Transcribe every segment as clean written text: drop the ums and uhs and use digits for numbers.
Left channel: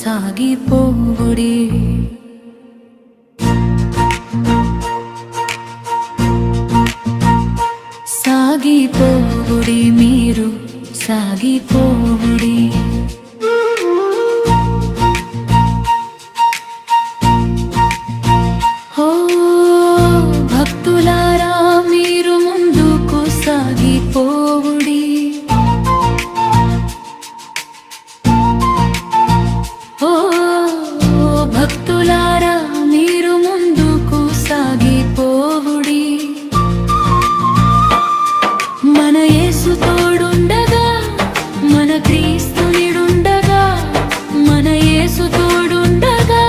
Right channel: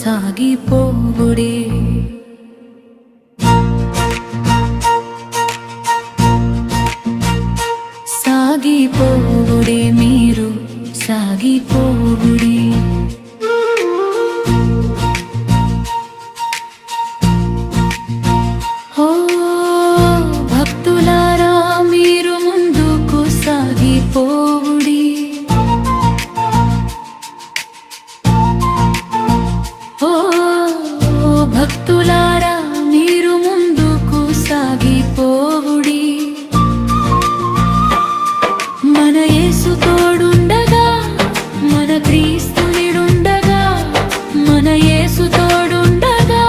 సాగిపోవుడే. సాగిపోవుడే మీరు సాగిపోవుడే. ఓ భక్తులారా మీరు ముందుకు సాగిపోవుడి. ఓ భక్తులారా మీరు ముందుకు సాగిపోవుడి. మన యేసు తోడుండగా మన క్రీస్తునిడుండగా, మన యేసు తోడుండగా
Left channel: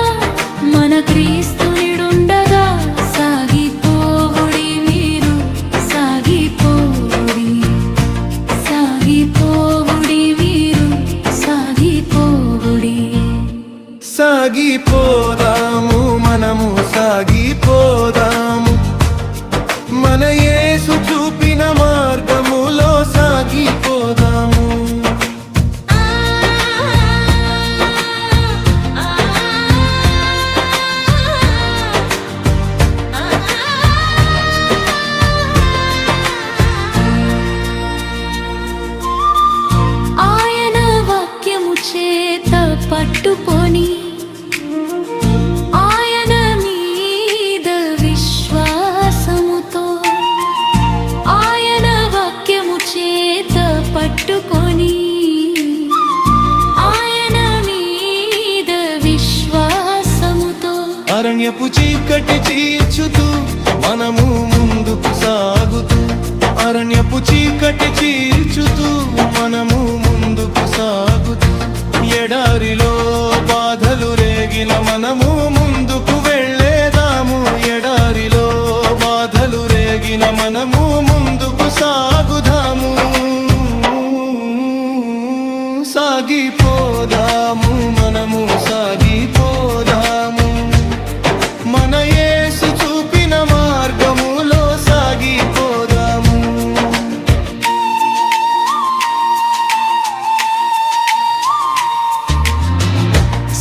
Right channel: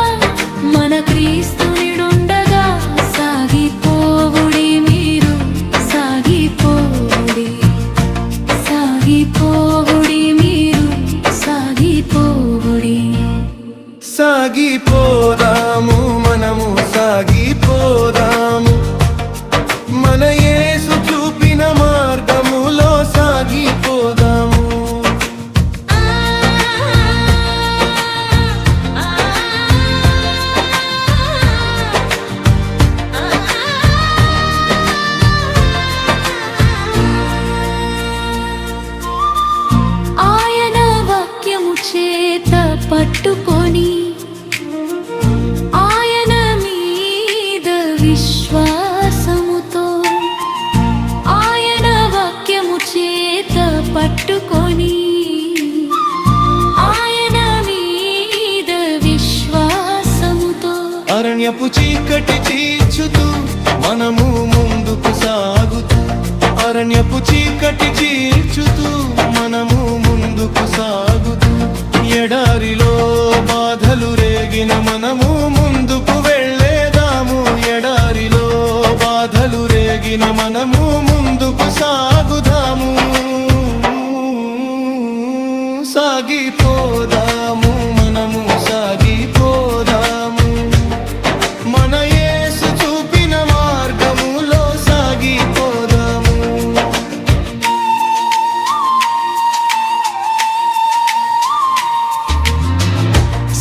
మన క్రీస్తునిడుండగా సాగిపోవుడి మీరు సాగిపోవుడి. సాగిపోవుడి మీరు సాగిపోవుడి. సాగిపోదాము మనము సాగిపోదాము, మన యేసు చూపిన మార్గములో సాగిపోదాము. ఆయన వాక్యము చేత పట్టుకొని ఆయన మీద విశ్వాసముతో, ఆయన వాక్యము చేత పట్టుకొని ఆయన మీద విశ్వాసముతో అరణ్యపు చీకటి చీల్చుతూ మనము ముందుకు సాగుతూ, అరణ్యపు చీకటి చీల్చుతూ మనము ముందుకు సాగుతూ, ఎడారిలో బాధలు రేగిన మనము ముందుకు వెళ్ళేదాము. ఎడారిలో బాధలు రేగిన మనము ముందుకు సాగుదాము. సాగిపోదాము మనము సాగిపోదాము, మన యేసు చూపిన మార్గములో సాగిపోదాము.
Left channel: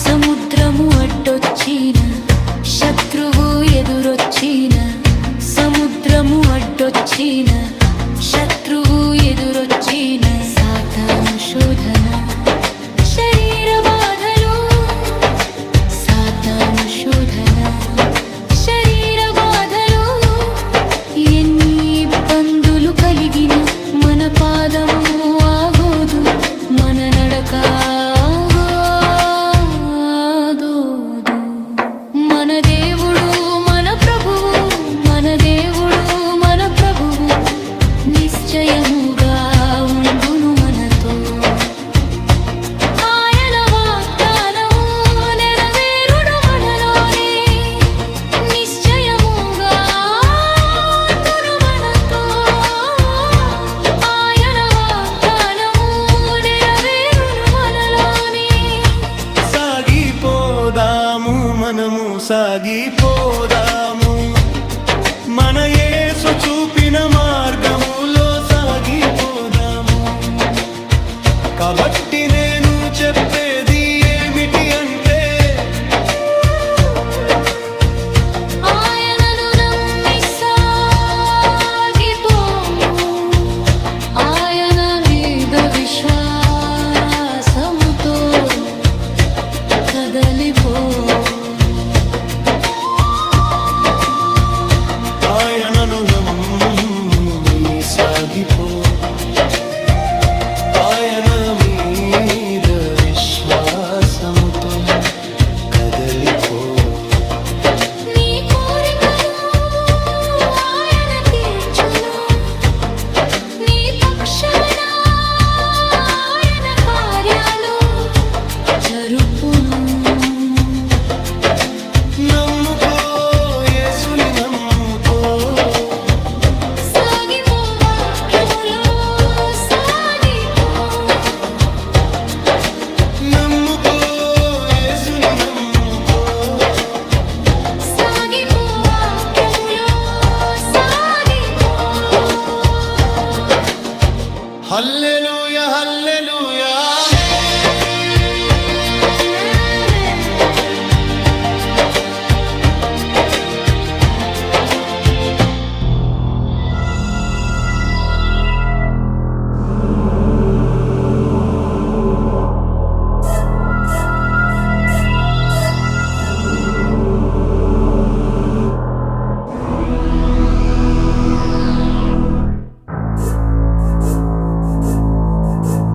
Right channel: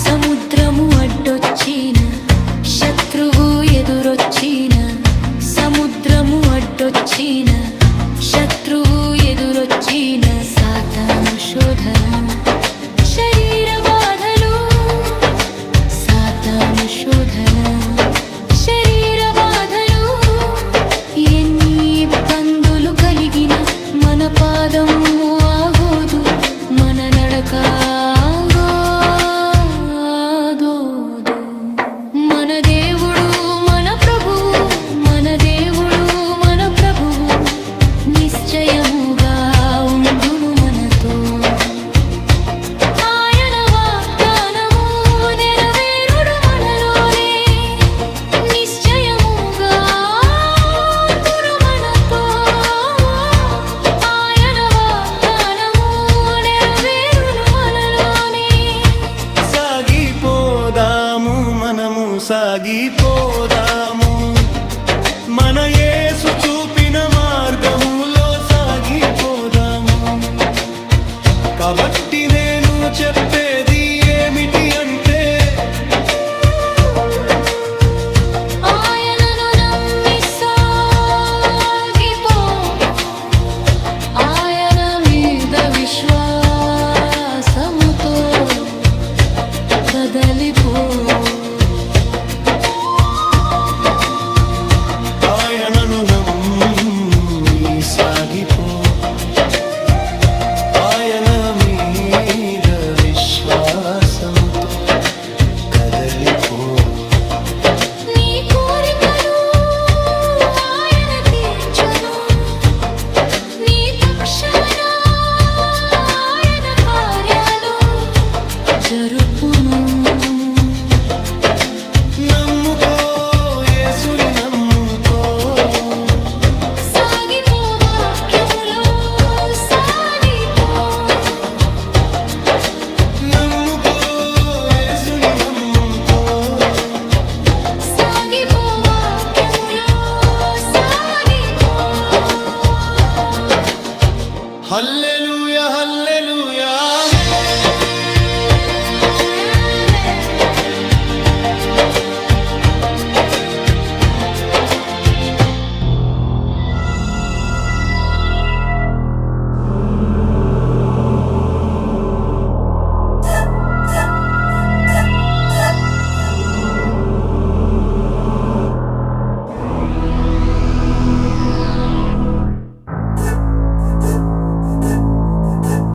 సముద్రము అడ్డొచ్చిన శత్రువు ఎదురొచ్చిన, సముద్రము అడ్డొచ్చిన శత్రువు ఎదురొచ్చిన, సాతాను శోధన శరీర బాధలు, సాతాను శోధన శరీర బాధలు, ఎన్ని ఇబ్బందులు కలిగిన మన పాదము ఆగోదు, మన నడక ఆగోదు. మన దేవుడు మన ప్రభువు, మన దేవుడు మన ప్రభువు నిశ్చయముగా ఉండును మనతో. ఆయన వాగ్దానము నెరవేరుడు మనలోనే, నిశ్చయముగా ఉండును మనతో. ఆయన వాగ్దానము నెరవేరును మనలోనే. సాగిపోదాము మనము సాగిపోదాము, మన యేసు చూపిన మార్గములో సాగిపోదాము. కాబట్టి నేను చెప్పేది ఏమిటి అంటే, ఆయనను నమ్మి సాగిపోము, ఆయన మీద విశ్వాసముతో కదలిపో. ఆయనను నమ్మి సాగిపో, ఆయన మీద విశ్వాసముతో కదలిపో. నీ కోరికలు ఆయన తీర్చును, నీ పక్షాన ఆయన కార్యాలు జరుపును. నమ్ముకో యేసుని నమ్ముకో, సాగిపో వాక్యములో సాగిపో. నమ్ముకో యేసుని నమ్ముకో, సాగిపో వాక్యములో సాగిపో. హల్లెలూయా హల్లెలూయా.